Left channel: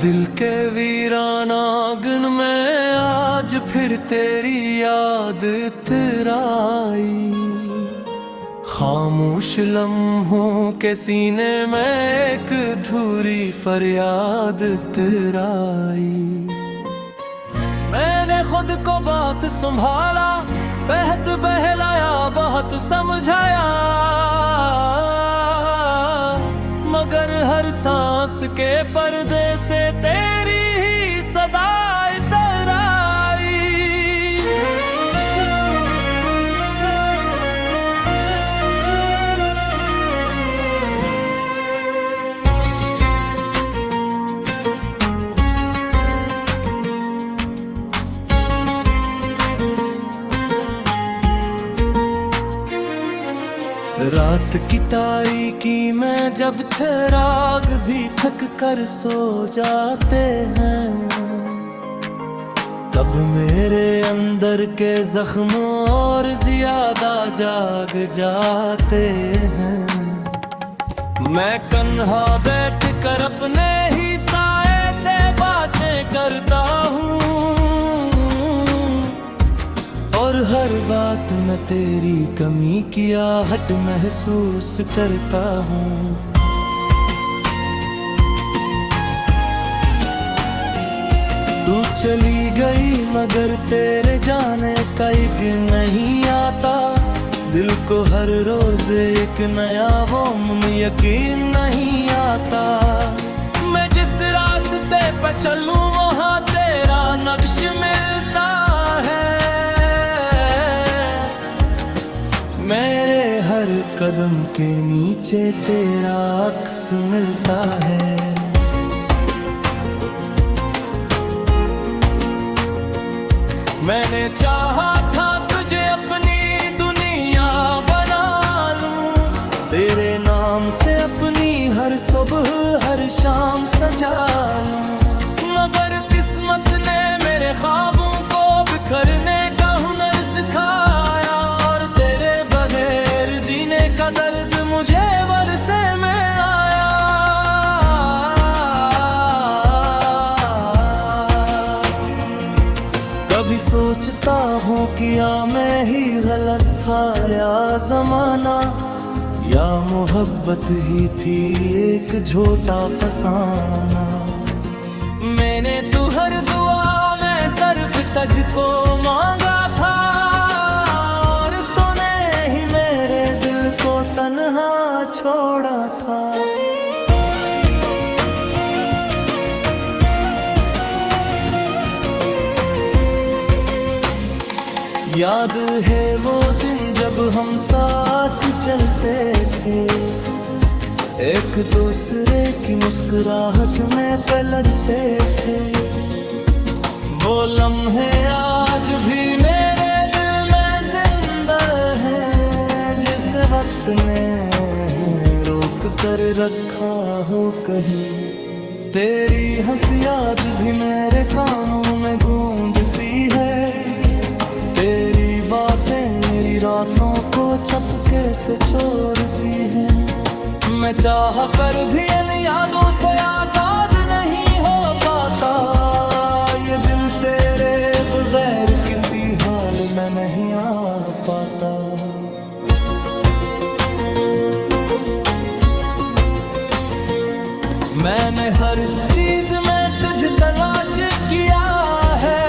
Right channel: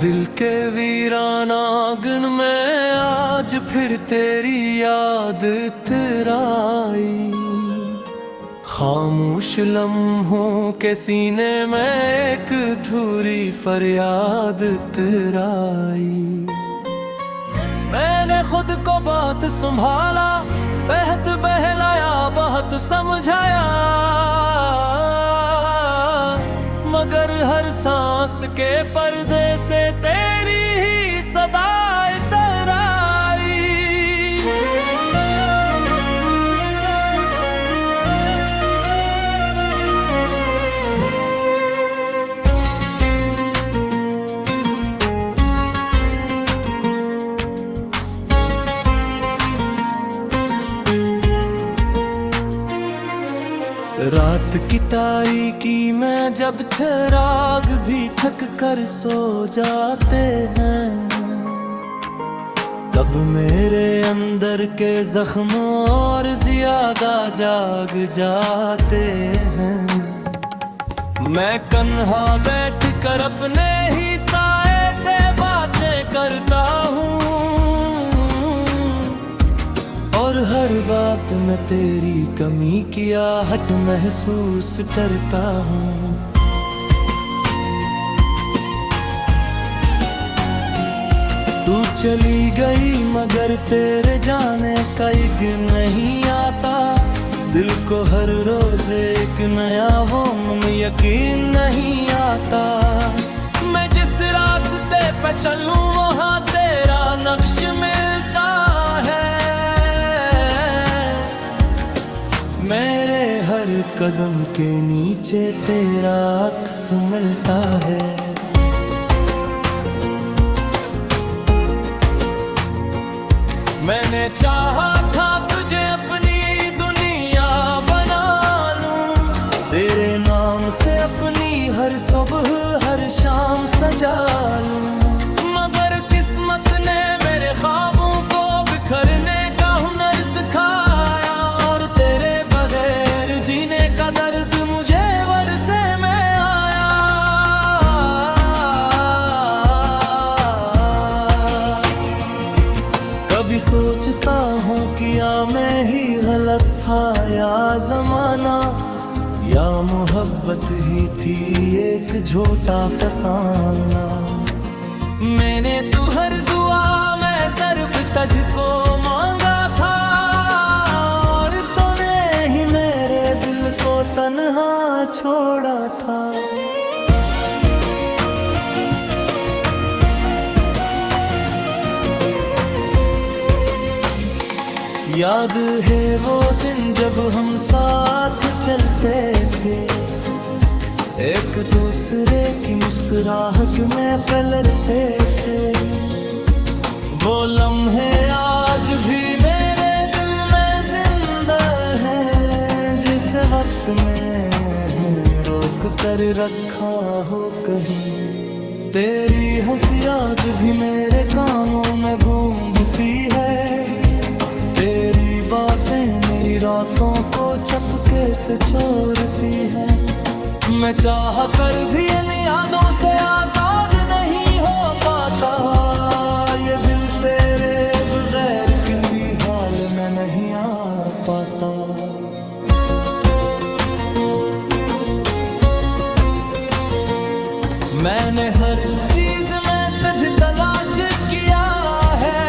दिल के वीराना आंगन में आज फिर तेरी याद तेराई। खामोश लम्हों के सीने में एक अधूरी फरियाद तेराई। मैंने खुद को बात संभाला, बेहद बहलाया, बहुत समझाया, मगर हर सांस के पर्दे से तेरी ही सदाएं तराई। रात की तारीकी में जब चिराग भी थक कर सो जाते हैं, तब मेरे अंदर के जख्म और ज्यादा जाग जाते हैं। मैं कन्हा बैठ कर अपने ही साए से बातें करता हूँ, और हर बात में तेरी कमी की आहट महसूस करता हूँ। तू चली गई मगर तेरे जाने का एक नहीं आता। दिल को हर रोज एक नया वो यकीन नहीं आता। मैं जिस रास्ते पे चलूं वहाँ तेरा नक्श मिलता है। मेरे हर कदम के नीचे तेरा अक्स मिलता है। मैंने चाहा था तुझे अपनी दुनिया बना लूं, तेरे नाम से अपनी हर सुबह हर शाम सजा लूं, मगर किस्मत ने मेरे ख्वाबों को बिखरने का हुनर सिखाया, और तेरे बगैर जीने का दर्द मुझे वरसे में आया। कभी सोचता हूँ किया मैं ही गलत था, या जमाना, या मोहब्बत ही थी एक झूठा फसाना। मैंने तू हर दुआ में सिर्फ तुझको मांगा था, और तूने ही मेरे दिल को तन्हा छोड़ा था। याद है वो दिन जब हम साथ चलते थे, एक दूसरे की मुस्कुराहट में पलटते थे। वो लम्हे आज भी मेरे दिल में जिंदा हैं, जिस वक्त में रोक कर रखा हो कहीं। तेरी हंसी आज भी मेरे कानों में गूंजती है, तेरी बातें मेरी रातों को चपके से चोरती हैं। मैं चाह कर भी इन यादों से आजाद नहीं हो पाता, ये दिल तेरे बगैर किसी हाल में नहीं आ पाता। मैंने हर चीज में तुझे तलाश किया है,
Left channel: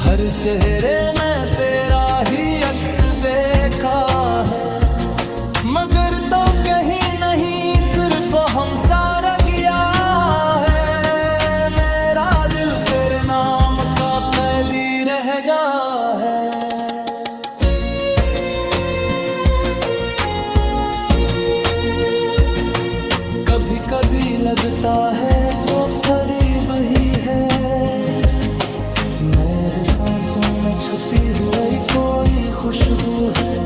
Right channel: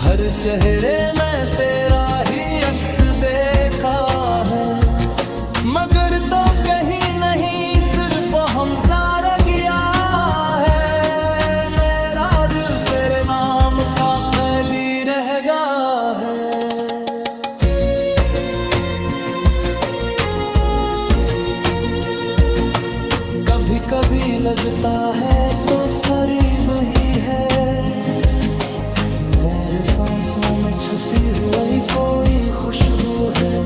हर चेहरे में तेरा ही अक्स देखा है, मगर तो कहीं नहीं सिर्फ हम सारा गया है। मेरा दिल तेरे नाम का कैदी रह गया है। कभी कभी लगता है तो करीब ही है, मेरे सांसों में छुपी हुई कोई खुशबू है,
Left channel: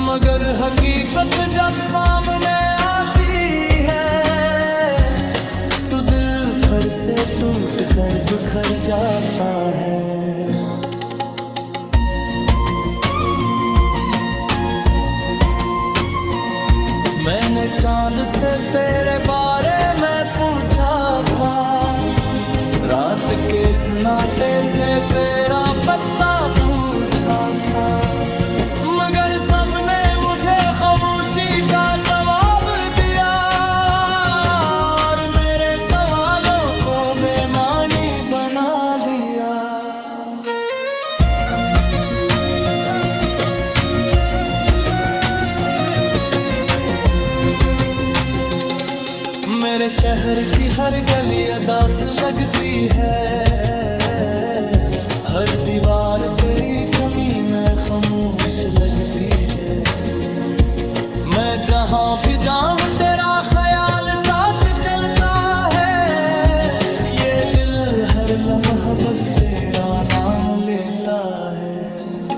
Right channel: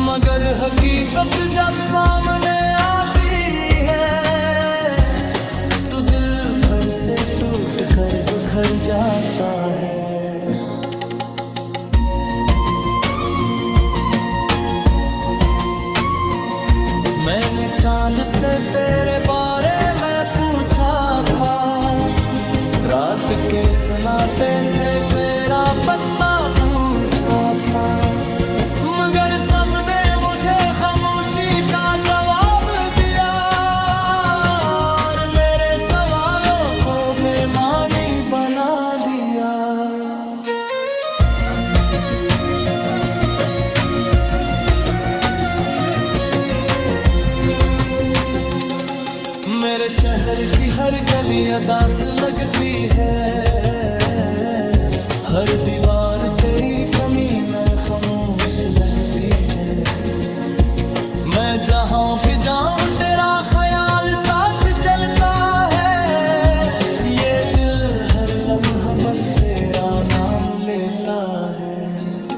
मगर हकीकत जब सामने आती है तो दिल भर से टूट कर बिखर जाता है। मैंने चांद से तेरे बारे में पूछा था, रात के सन्नाटे से तेरा पता पूछा था, मगर सबने मुझे खामोशी का जवाब दिया और मेरे सवालों को बेमानी बना दिया। मेरे शहर की हर गली अदास लगती है, हर दीवार तेरी कमी में खामोश लगती है। मैं जहां भी जाऊं तेरा ख्याल साथ चलता है, ये दिल हर लम्हा बस तेरा नाम लेता है।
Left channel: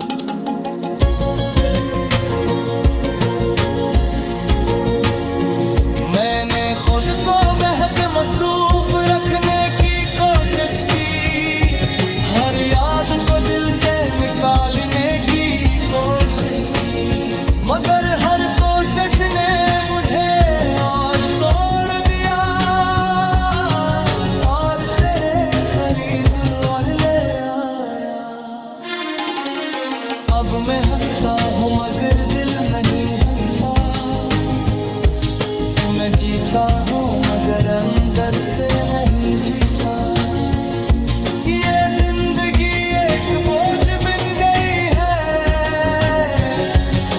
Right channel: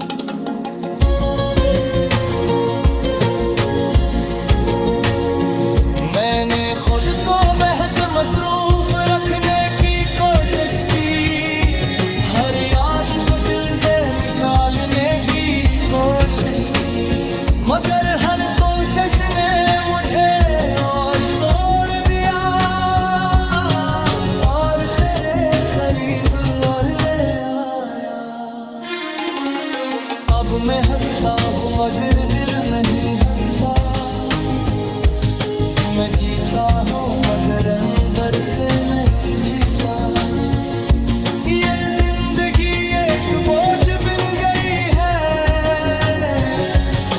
मैंने खुद को बेहद मसरूफ रखने की कोशिश की, हर याद को दिल से निकालने की कोशिश की, मगर हर कोशिश ने मुझे और तोड़ दिया और तेरे करीब और ले आया। अब मैं हंसता हूँ मगर दिल नहीं हंसता, मैं जीता हूँ मगर अंदर से नहीं जीता। ये जिंदगी एक बोझ बन गई है,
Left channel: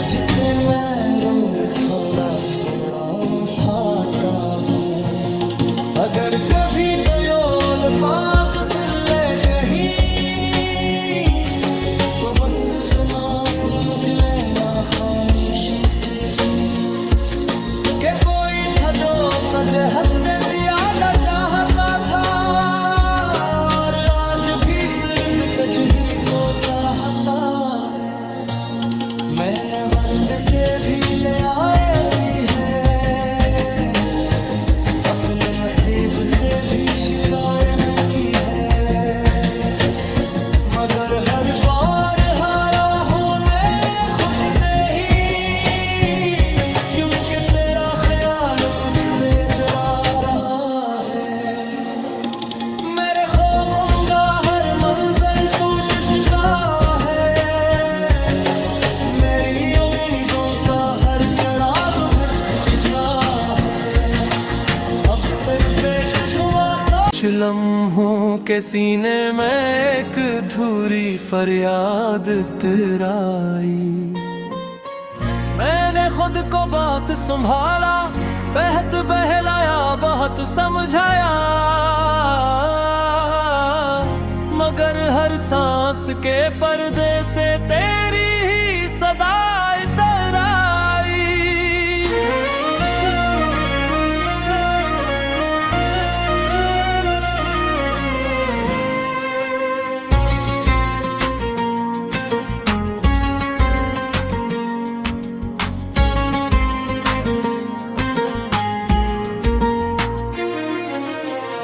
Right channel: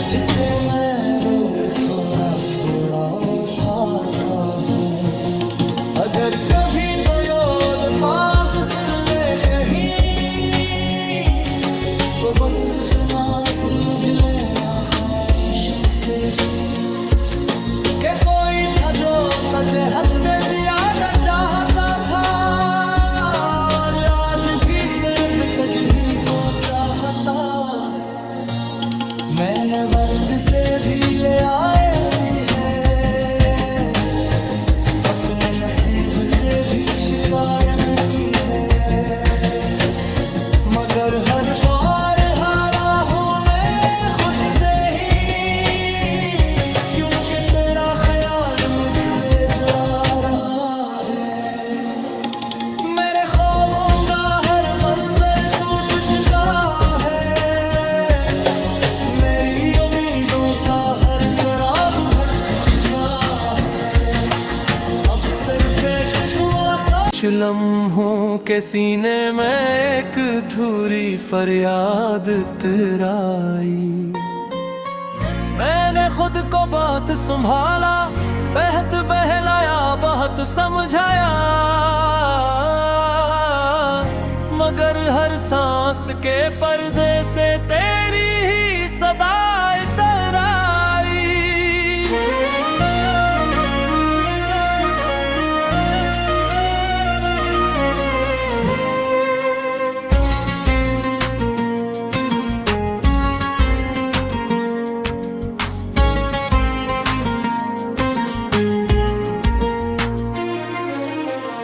जिसे मैं रोज थोड़ा थोड़ा उठाता हूँ। अगर कभी तो ये अल्फाज सुन ले कहीं, तो बस इतना समझ लेना खामोशी से ही, कि कोई था जो तुझे हद से ज्यादा चाहता था और आज भी सिर्फ तुझ ही को चाहता है। मैंने वक्त से भी ले आती है, अपने नसीब से भी शिकायत की है, मगर हर बार हारा हूँ मैं खुद से ही, क्योंकि तेरा ख्याल मुझसे जुड़ा रहा है। मेरे ख्वाबों का हर मंजर टूट चुका है, मेरी उम्मीदों का हर चिराग बुझ चुका है। अब सिर्फ एक धुआं सा लम्हों के सीने में एक अधूरी फरियाद तेराई। मैंने खुद को बात संभाला, बेहद बहलाया, बहुत समझाया, मगर हर सांस के पर्दे से तेरी ही सदाएं तराई।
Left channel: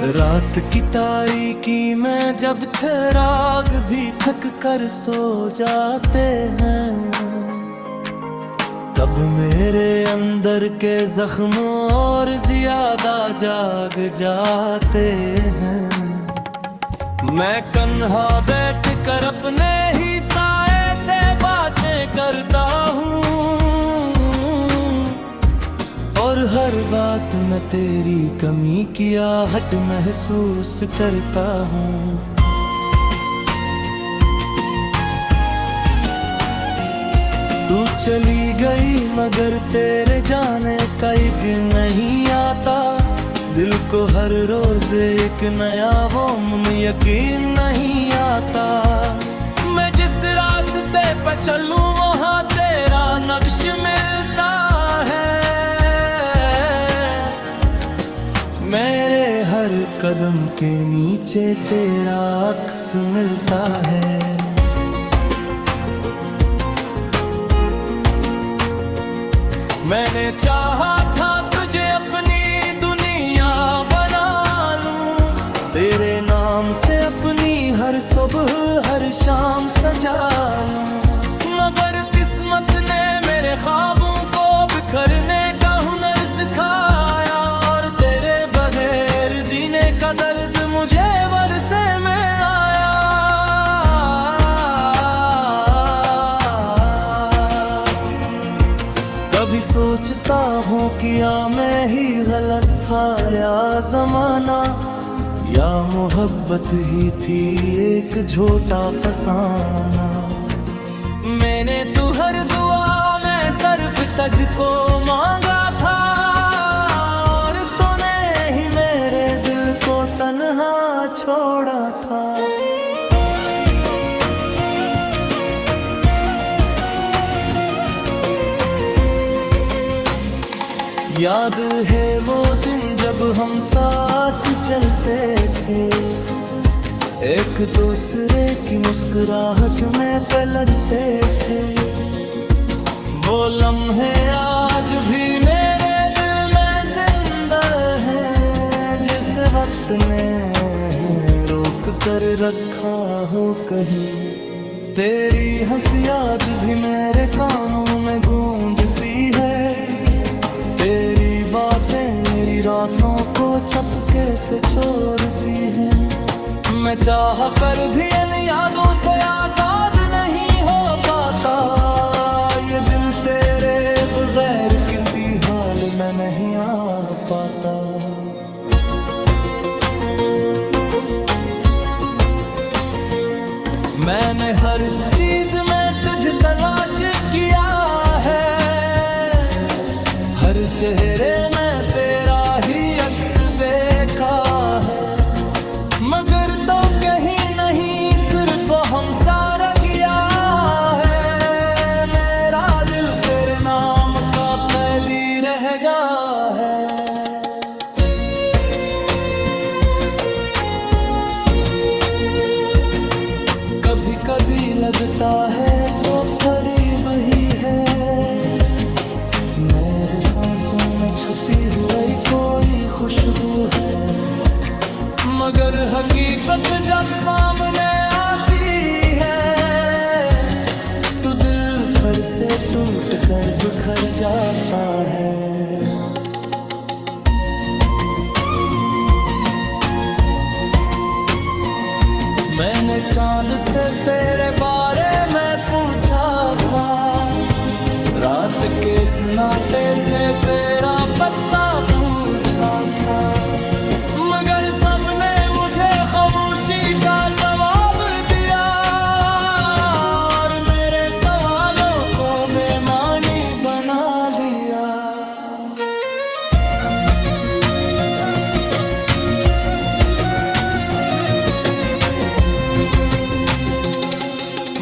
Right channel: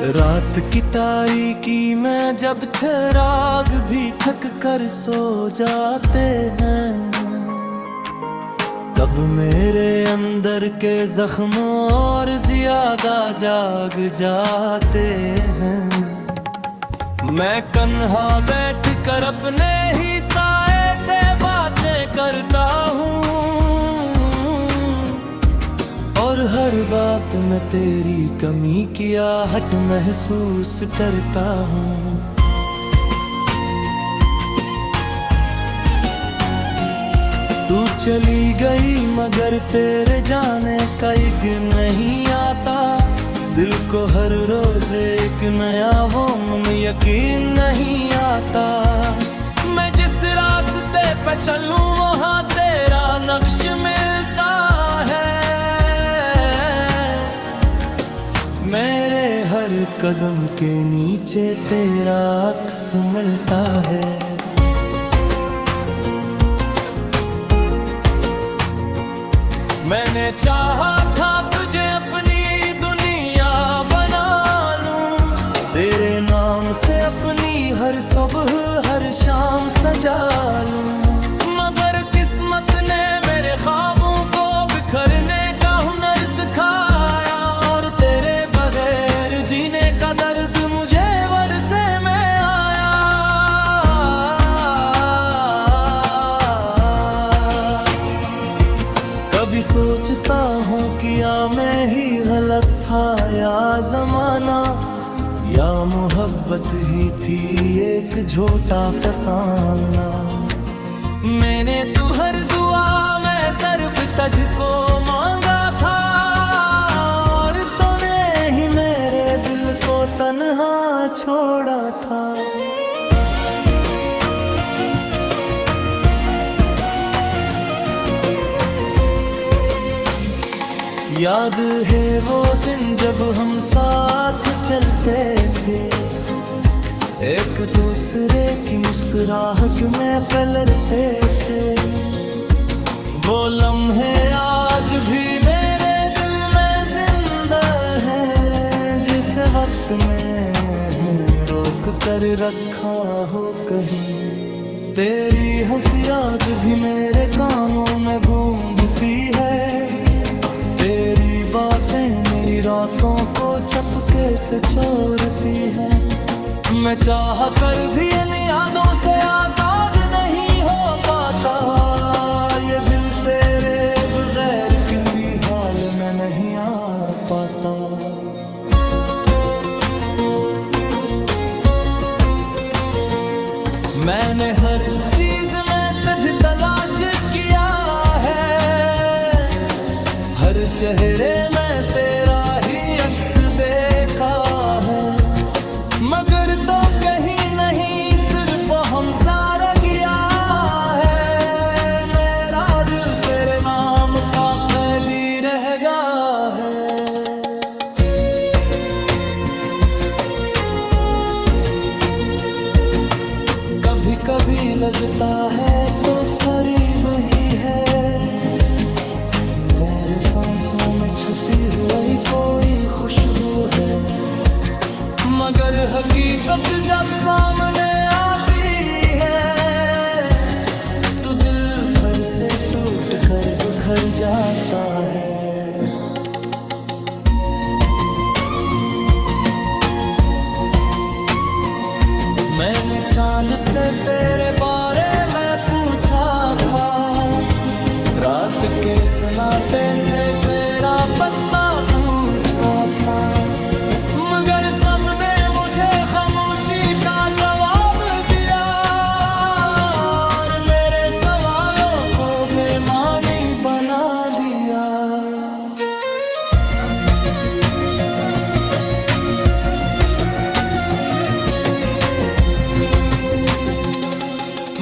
रात की तारीकी में जब चिराग भी थक कर सो जाते हैं, तब मेरे अंदर के जख्म और ज्यादा जाग जाते हैं। मैं कन्हा बैठ कर अपने ही साए से बातें करता हूँ और हर बात में तेरी कमी की आहट महसूस करता हूँ। तू चली गई मगर तेरे जाने का एक नहीं आता, दिल को हर रोज एक नया वो यकीन नहीं आता। मैं जिस रास्ते पे चलूं वहाँ तेरा नक्श मिलता है, मेरे हर कदम के नीचे तेरा अक्स मिलता है। मैंने चाहा था तुझे अपनी दुनिया बना लूं, तेरे नाम से अपनी हर सुबह हर शाम सजा लूं, मगर किस्मत ने मेरे ख्वाबों को बिखरने का का दर्द मुझे वरसे में आया। कभी सोचता हूँ किया मैं ही गलत था या जमाना, या मोहब्बत ही थी एक झूठा फसाना। मैंने तू हर दुआ में सिर्फ तुझको मांगा था, और तूने ही मेरे दिल को तन्हा छोड़ा था। याद है वो दिन जब हम साथ चलते थे, एक दूसरे की मुस्कुराहट में पलटते थे। वो लम्हे आज भी मेरे दिल में जिंदा हैं, जिस वक्त ने रोक कर रखा हो कहीं। तेरी हंसी आज भी मेरे कानों में गूंजती है, तेरी बातें मेरी रातों को चपके से चोरती हैं। मैं चाह कर भी इन यादों से आजाद नहीं हो पाता, ये दिल तेरे बगैर किसी हाल में नहीं आ पाता। मैंने हर चीज में तुझे तलाश किया है, हर चेहरे में तेरा ही अक्स देखा है। मगर तो कहीं नहीं सिर्फ हम सारा गया है, मेरा दिल तेरे नाम का कैदी रहेगा है। कभी कभी लगता है तो करीब ही है, मेरे सांसों में छुपी हुई कोई खुशबू है। मगर हकीकत जब सामने आती है, तो दिल फिर से टूट कर बिखर जाता है। मैंने चांद से तेरे बारे में पूछा था, रात के सन्नाटे से तेरा पता पूछा था। मगर सबने मुझे खामोशी का जवाब दिया, और मेरे सवालों को बेमानी बना दिया।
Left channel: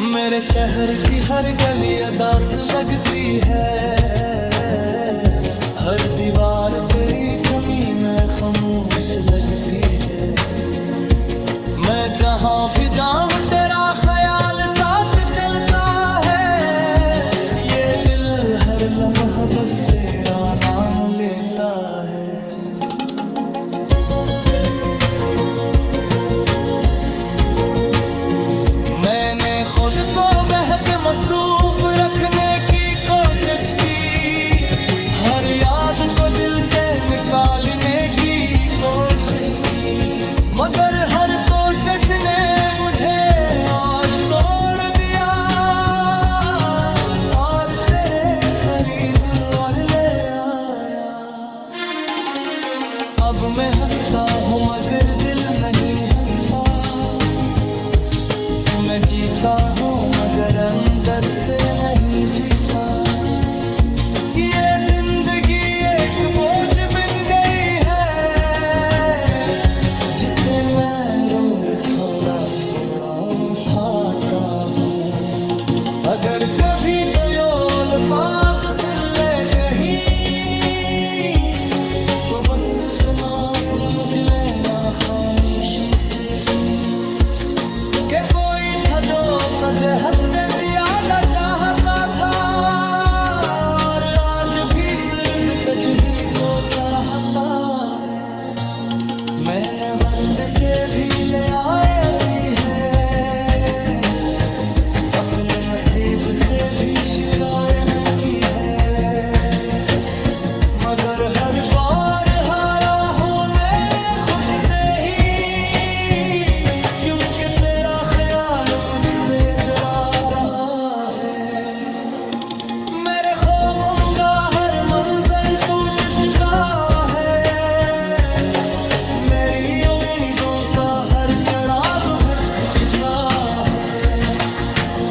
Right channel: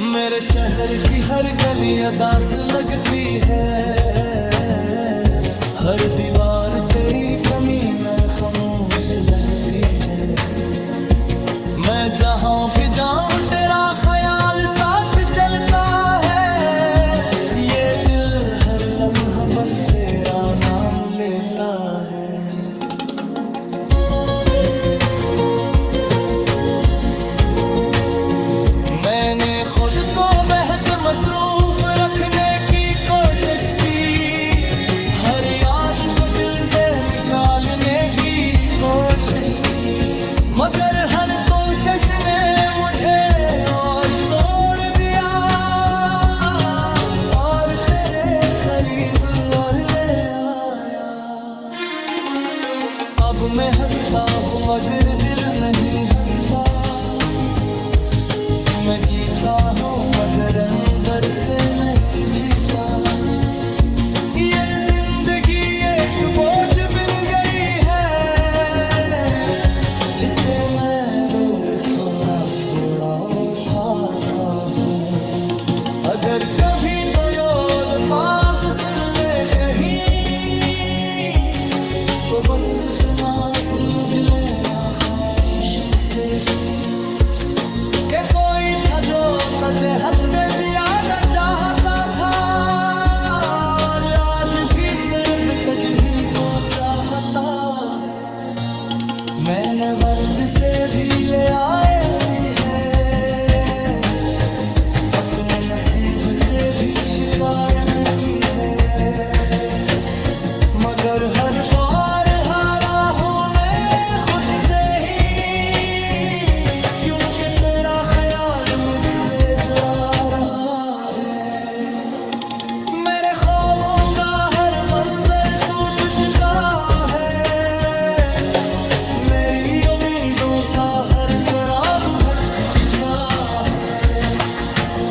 मेरे शहर की हर गली अदास लगती है, हर दीवार तेरी कमी में खामोश लगती है। मैं जहाँ भी जाऊँ तेरा ख्याल साथ चलता है, ये दिल हर लम्हा बस तेरा नाम लेता है। मैंने खुद को बेहद मसरूफ रखने की कोशिश की, हर याद को दिल से निकालने की कोशिश की। मगर हर कोशिश ने मुझे और तोड़ दिया, और तेरे करीब और ले आया। अब मैं हंसता हूँ मगर दिल नहीं हंसता, मैं जीता हूँ मगर अंदर से नहीं जीता। ये जिंदगी एक बोझ बन गई है, जिसे मैं रोज थोड़ा थोड़ा उठाता हूँ। अगर कभी तो यो अल्फाज सुन ले कहीं, तो बस इतना समझ लेना खामोशी से ही, कि कोई था जो तुझे हद से ज्यादा चाहता था, और आज भी सिर्फ तुझ ही को चाहता है। मैंने वक्त से भी ले आती है, अपने नसीब से भी शिकायत की है। मगर हर बार हारा हूँ मैं खुद से, से ही, क्योंकि तेरा ख्याल मुझसे जुड़ा रहा है। मेरे ख्वाबों का हर मंजर टूट चुका है, मेरी उम्मीदों का हर चिराग बुझ चुका है।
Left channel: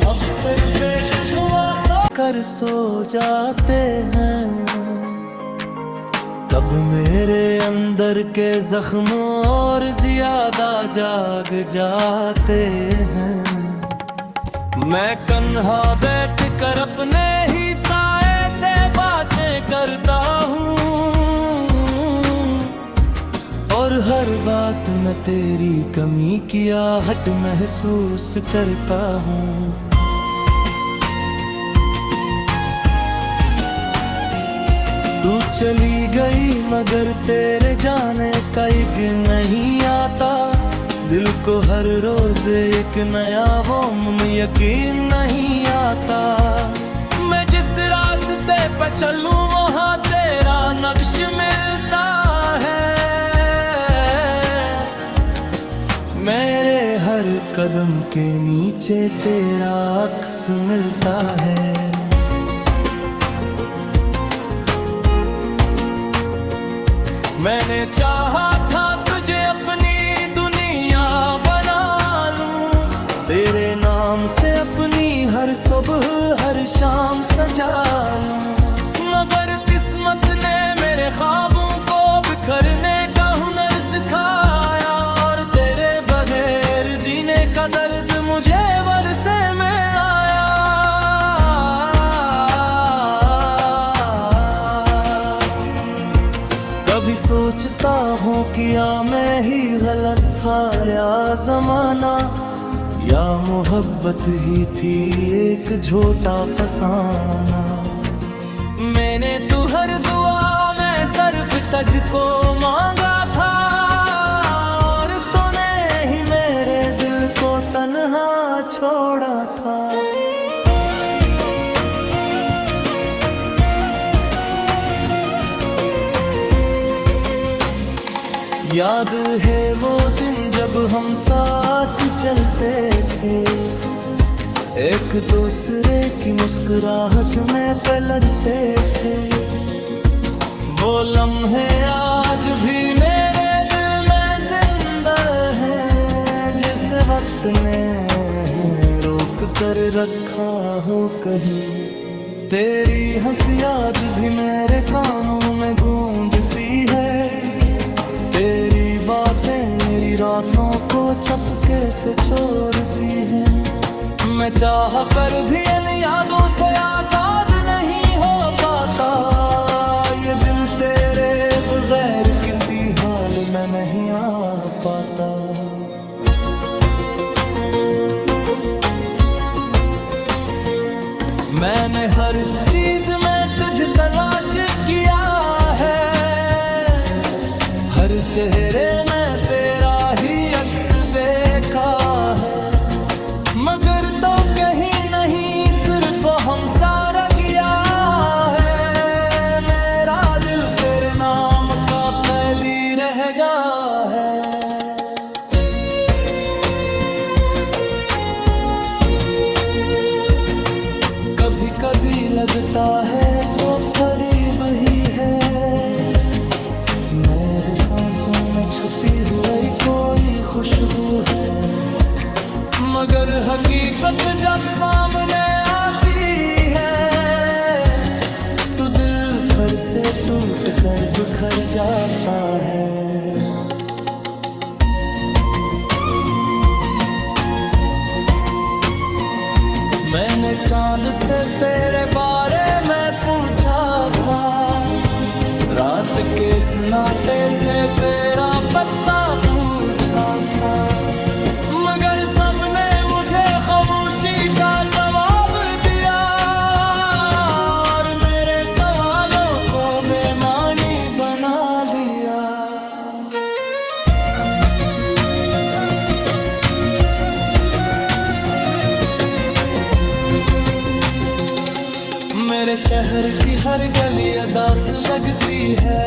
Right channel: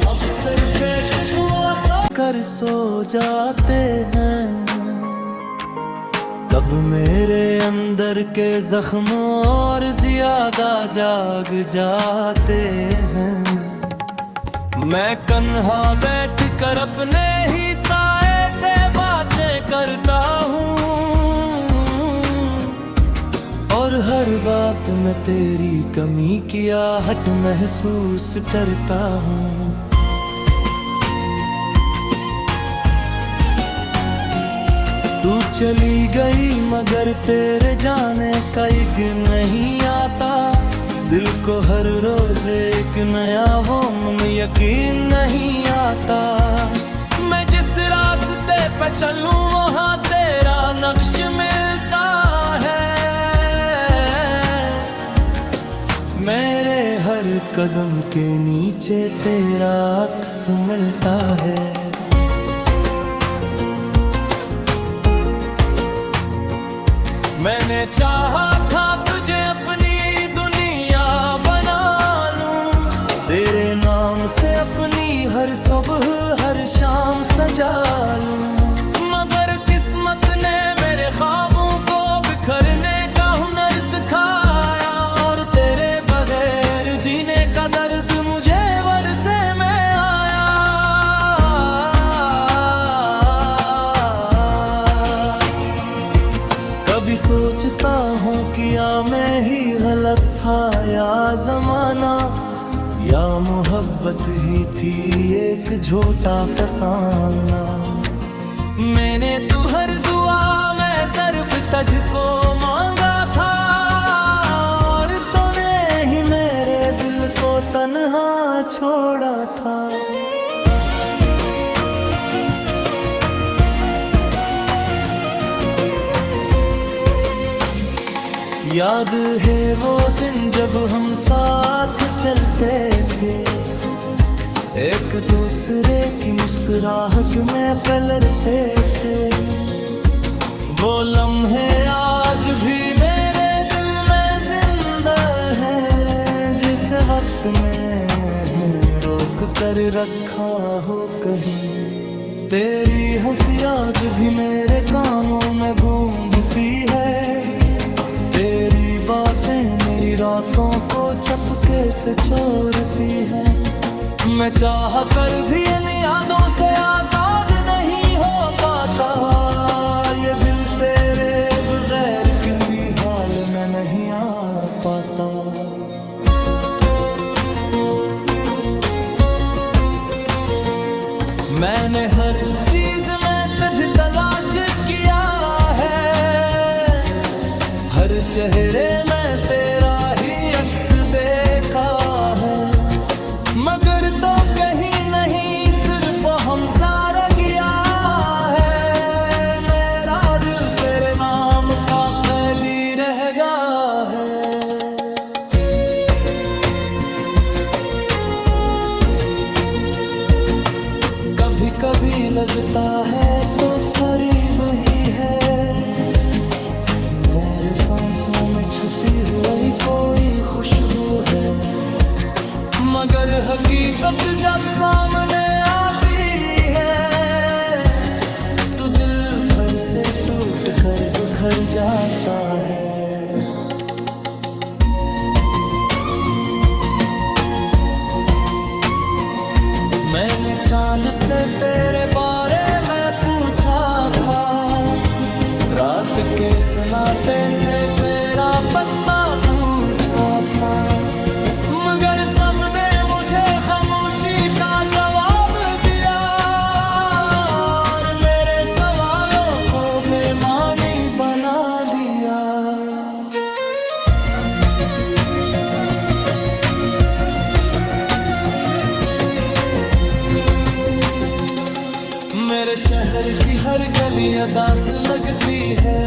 अब सिर्फ एक दुआ सा कर सो जाते हैं, तब मेरे अंदर के जख्म और ज्यादा जाग जाते हैं। मैं कन्हा बैठ कर अपने ही साए से बातें करता हूँ, और हर बात में तेरी कमी की आहट महसूस करता हूँ। तू चली गई मगर तेरे जाने का एक नहीं आता, दिल को हर रोज एक नया वो यकीन नहीं आता। मैं जिस रास्ते पे चलूं वहाँ तेरा नक्श मिलता है, मेरे हर कदम के नीचे तेरा अक्स मिलता है। मैंने चाहा था तुझे अपनी दुनिया बना लूं, तेरे नाम से अपनी हर सुबह हर शाम सजा लूं, मगर किस्मत ने मेरे ख्वाबों को बिखरने का हुनर सिखाया, और तेरे बगैर जीने का दर्द मुझे बरसे में आया। कभी सोचता हूँ किया मैं ही गलत था, या जमाना या मोहब्बत ही थी एक झूठा फसाना। मैंने तू हर दुआ में सिर्फ तुझको मांगा था, और तूने ही मेरे दिल को तन्हा छोड़ा था। याद है वो दिन जब हम साथ चलते थे, एक दूसरे की मुस्कुराहट में पलटते थे। वो लम्हे आज भी मेरे दिल में जिंदा हैं, जिस वक्त ने रोक कर रखा हो कहीं। तेरी हंसी आज भी मेरे कानों में गूंजती है, तेरी बातें मेरी रातों को चपके से चोरती हैं। मैं चाह कर भी इन यादों से आजाद नहीं हो पाता, ये दिल तेरे बगैर किसी हाल में नहीं आ पाता। मैंने हर चीज में तुझे तलाश किया है, हर चेहरे में तेरा ही अक्स देखा है, मगर तो कहीं नहीं सिर्फ हम सारा गया है। मेरा दिल तेरे नाम का कैदी रह गया है। कभी कभी लगता है तो करीब ही है, मेरे सांसों में छुपी हुई कोई खुशबू है, मगर हकीकत जब सामने आती है तो दिल भर से टूट कर बिखर जाता है। मैंने चांद से तेरे बारे में पूछा था, रात के सन्नाटे से तेरा पत्ता पूछा था, मगर सबने मुझे खामोशी का जवाब दिया, और मेरे सवालों को बेमानी बना दिया। मेरे शहर की हर गली अदास लगती है,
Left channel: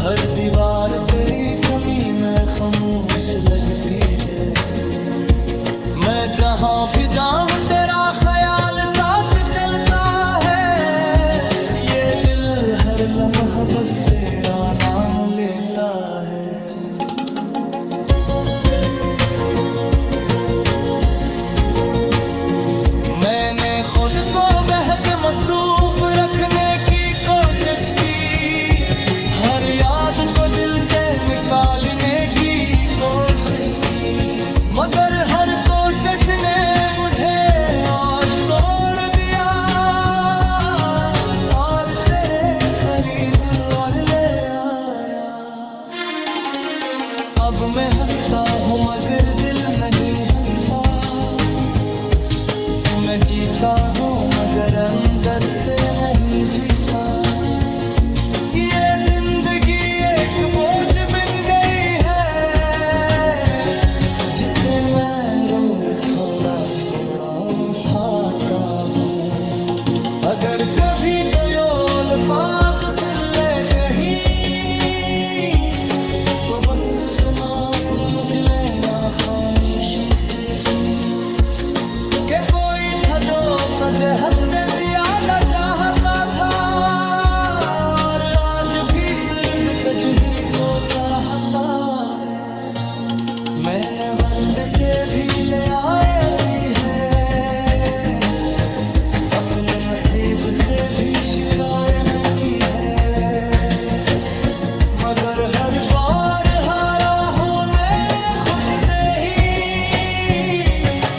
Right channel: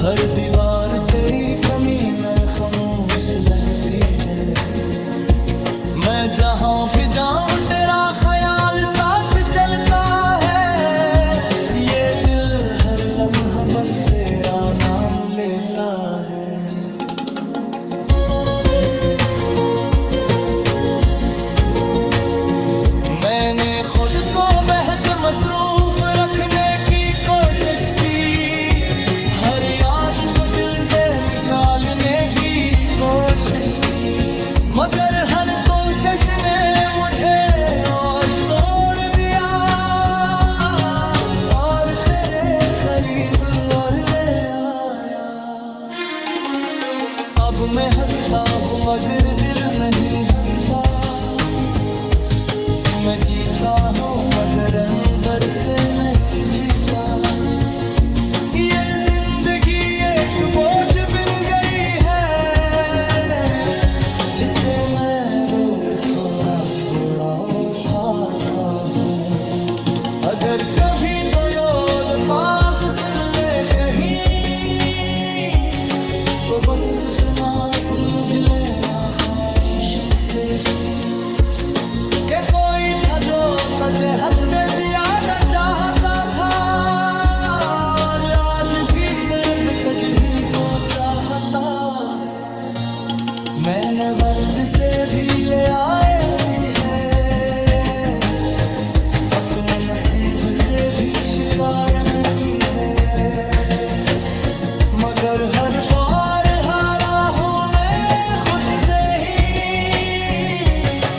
हर दीवार तेरी कमी में खामोश लगती है। मैं जहां भी जाऊं तेरा ख्याल साथ चलता है। ये दिल हर लम्हा बस तेरा नाम लेता है। मैंने खुद को बेहद मसरूफ रखने की कोशिश की। हर याद को दिल से निकालने की कोशिश की, मगर हर कोशिश ने मुझे और तोड़ दिया। और तेरे करीब और ले आया। अब मैं हंसता हूँ मगर दिल नहीं हंसता। मैं जीता हूँ मगर अंदर से नहीं जीता। ये जिंदगी एक बोझ बन गई है, जिसे मैं रोज थोड़ा थोड़ा उठाता हूँ। अगर कभी तो ये अल्फाज सुन ले कहीं, तो बस इतना समझ लेना खामोशी से ही, कि कोई था जो तुझे हद से ज्यादा चाहता था। और आज भी सिर्फ तुझ ही को चाहता है। मैंने वक्त से भी ले आती है, अपने नसीब से भी शिकायत की है। मगर हर बार हारा हूँ मैं खुद से ही,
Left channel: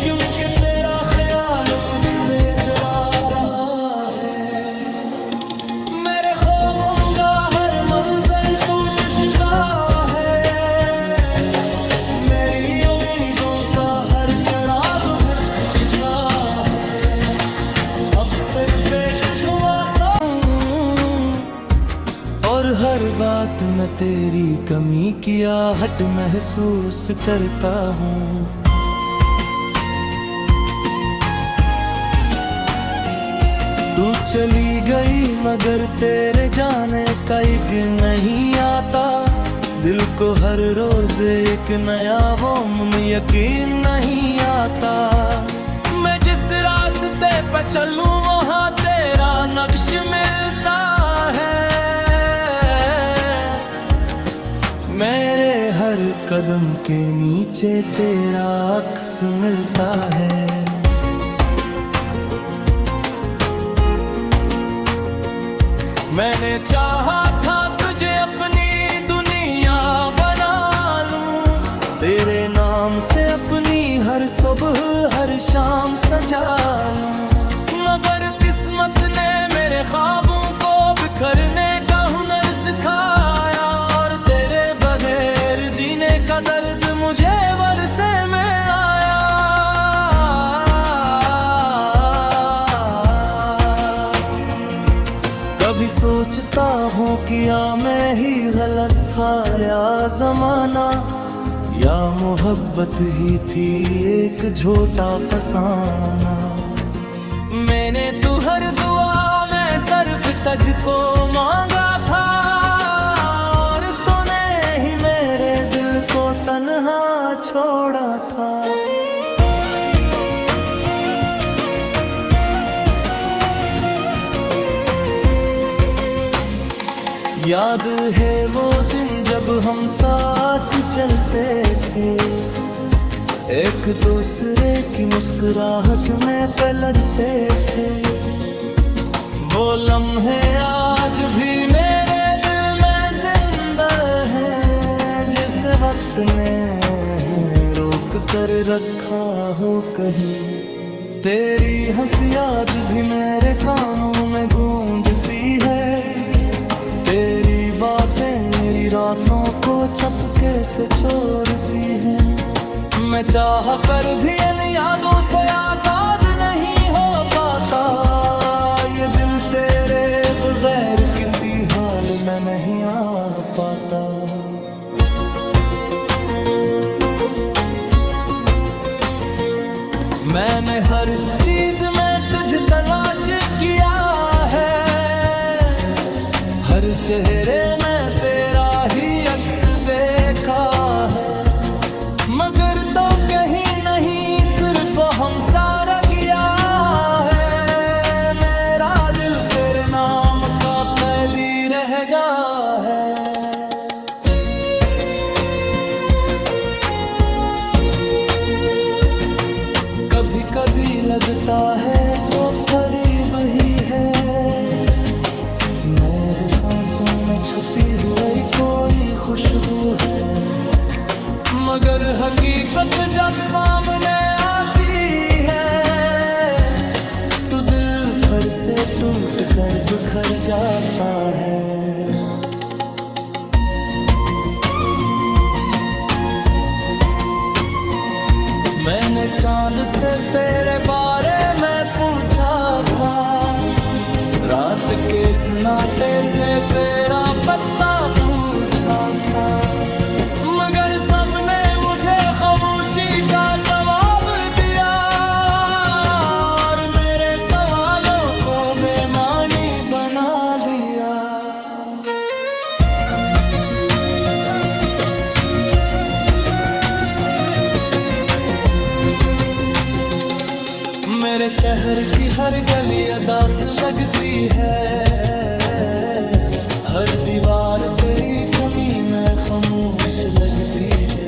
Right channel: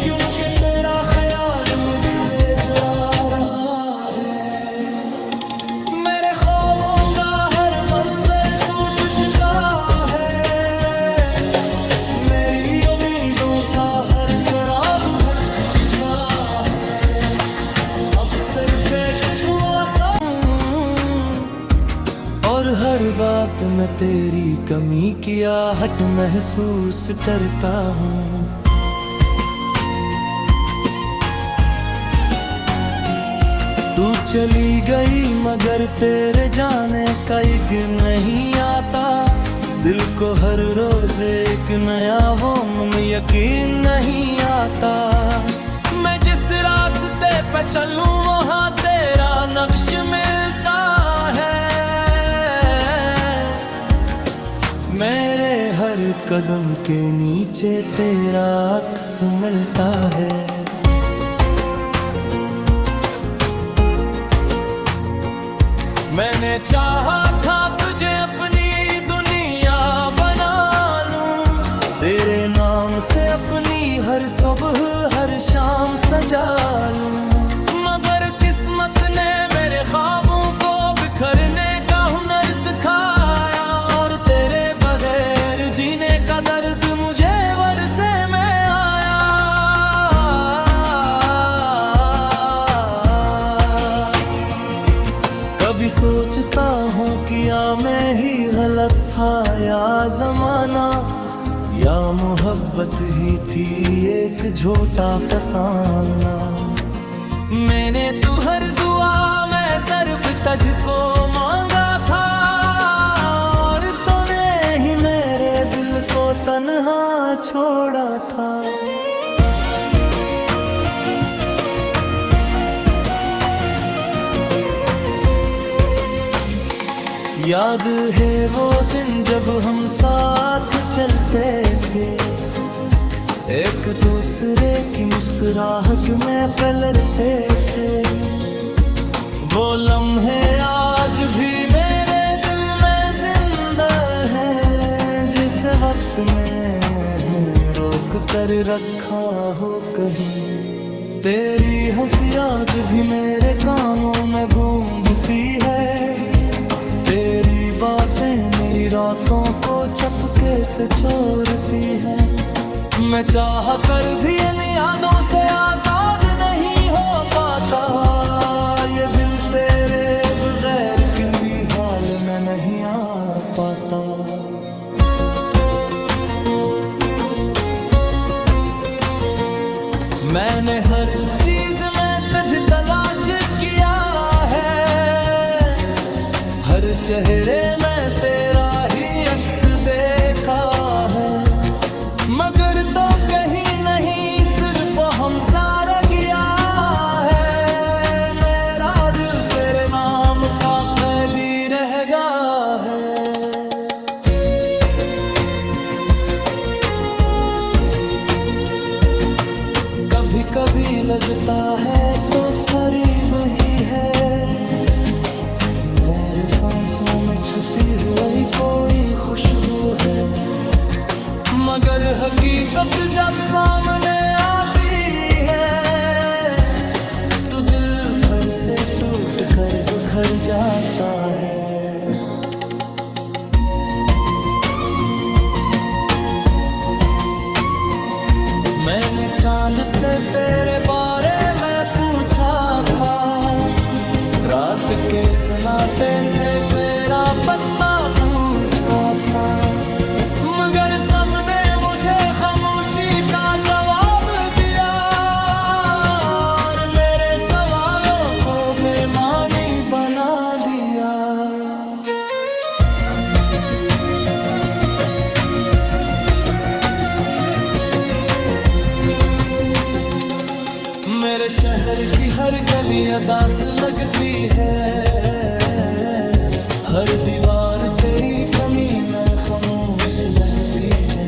क्योंकि तेरा ख्याल मुझसे जुड़ा रहा है। मेरे ख्वाबों का हर मंजर टूट चुका है। मेरी उम्मीदों का हर चिराग बुझ चुका है। अब सिर्फ एक दुआ सा, और हर बात में तेरी कमी की आहट महसूस करता हूँ। तू चली गई मगर तेरे जाने का एक नहीं आता। दिल को हर रोज एक नया वो यकीन नहीं आता। मैं जिस रास्ते पे चलूं वहाँ तेरा नक्श मिलता है। मेरे हर कदम के नीचे तेरा अक्स मिलता है। मैंने चाहा था तुझे अपनी दुनिया बना लूं, तेरे नाम से अपनी हर सुबह हर शाम सजा लूं। मगर किस्मत ने मेरे ख्वाबों को बिखरने का हुनर सिखाया। और तेरे बगैर जीने का दर्द मुझे वरसे में आया। कभी सोचता हूँ किया मैं ही गलत था, या जमाना, या मोहब्बत ही थी एक झूठा फसाना। मैंने तू हर दुआ में सिर्फ तुझको मांगा था। और तूने ही मेरे दिल को तन्हा छोड़ा था। याद है वो दिन जब हम साथ चलते थे, एक दूसरे की मुस्कुराहट में पलटते थे। वो लम्हे आज भी मेरे दिल में जिंदा हैं, जिस वक्त ने रोक कर रखा हो कहीं। तेरी हंसी आज भी मेरे कानों में गूंजती है। तेरी बातें मेरी रातों को चपके से चोरती हैं। मैं चाह कर भी इन यादों से आजाद नहीं हो पाता। ये दिल तेरे बगैर किसी हाल में नहीं आ पाता। मैंने हर चीज में तुझे तलाश किया है, हर हर चेहरे में तेरा ही अक्स देखा है, मगर तो कहीं नहीं सिर्फ हम सारा गया है। मेरा दिल तेरे नाम का कैदी रहेगा है। कभी कभी लगता है तो करीब ही है, मेरे सांसों में छुपी हुई कोई खुशबू है, मगर हकीकत जब सामने आती है तो दिल भर से टूट कर बिखर जाता है। मैंने चांद से तेरे बारे में पूछा था, रात के सन्नाटे से तेरा पता पूछा था, मगर सबने मुझे खामोशी का जवाब दिया और मेरे सवालों को बेमानी बना दिया। मेरे शहर की हर गली अदास लगती है, हर दीवार तेरी कमी में खामोश लगती है।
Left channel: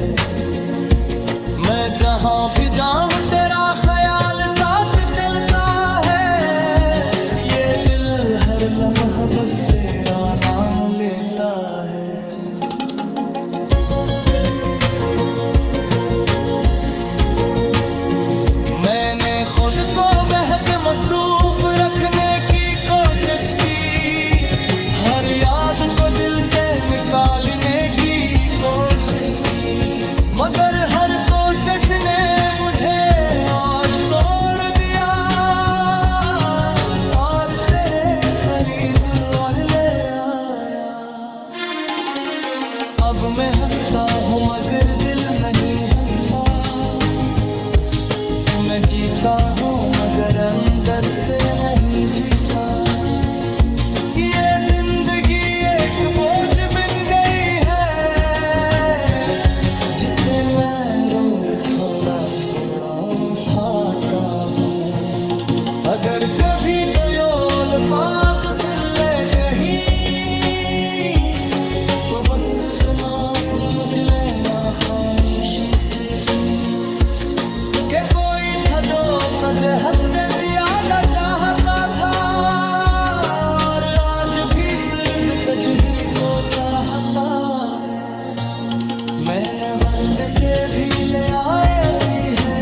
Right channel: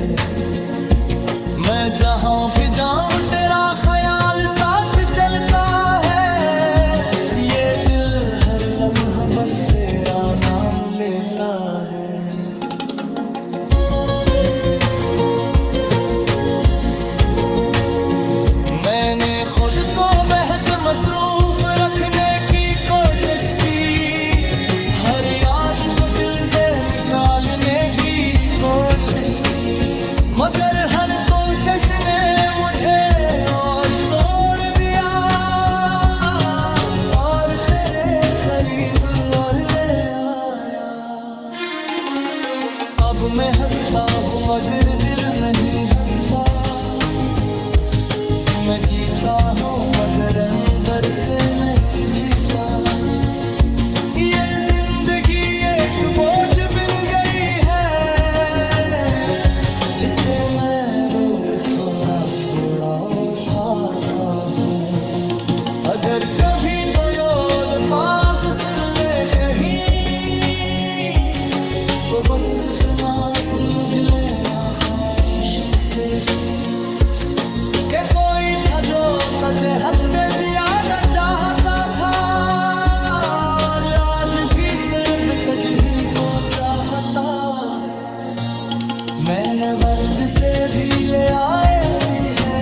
मैं जहां भी जाऊं तेरा ख्याल साथ चलता है, ये दिल हर लम्हा बस तेरा नाम लेता है। मैंने खुद को बेहद मसरूफ रखने की कोशिश की, हर याद को दिल से निकालने की कोशिश की, मगर हर कोशिश ने मुझे और तोड़ दिया और तेरे करीब और ले आया। अब मैं हंसता हूँ मगर दिल नहीं हंसता, मैं जीता हूँ मगर अंदर से नहीं जीता। ये जिंदगी एक बोझ बन गई है, जिसे मैं रोज थोड़ा थोड़ा उठाता हूँ। अगर कभी तो ये अल्फाज सुन ले कहीं, तो बस इतना समझ लेना खामोशी से ही, कि कोई था जो तुझे हद से ज्यादा चाहता था और आज भी सिर्फ तुझ ही को चाहता है। मैंने वक्त से भी ले आती है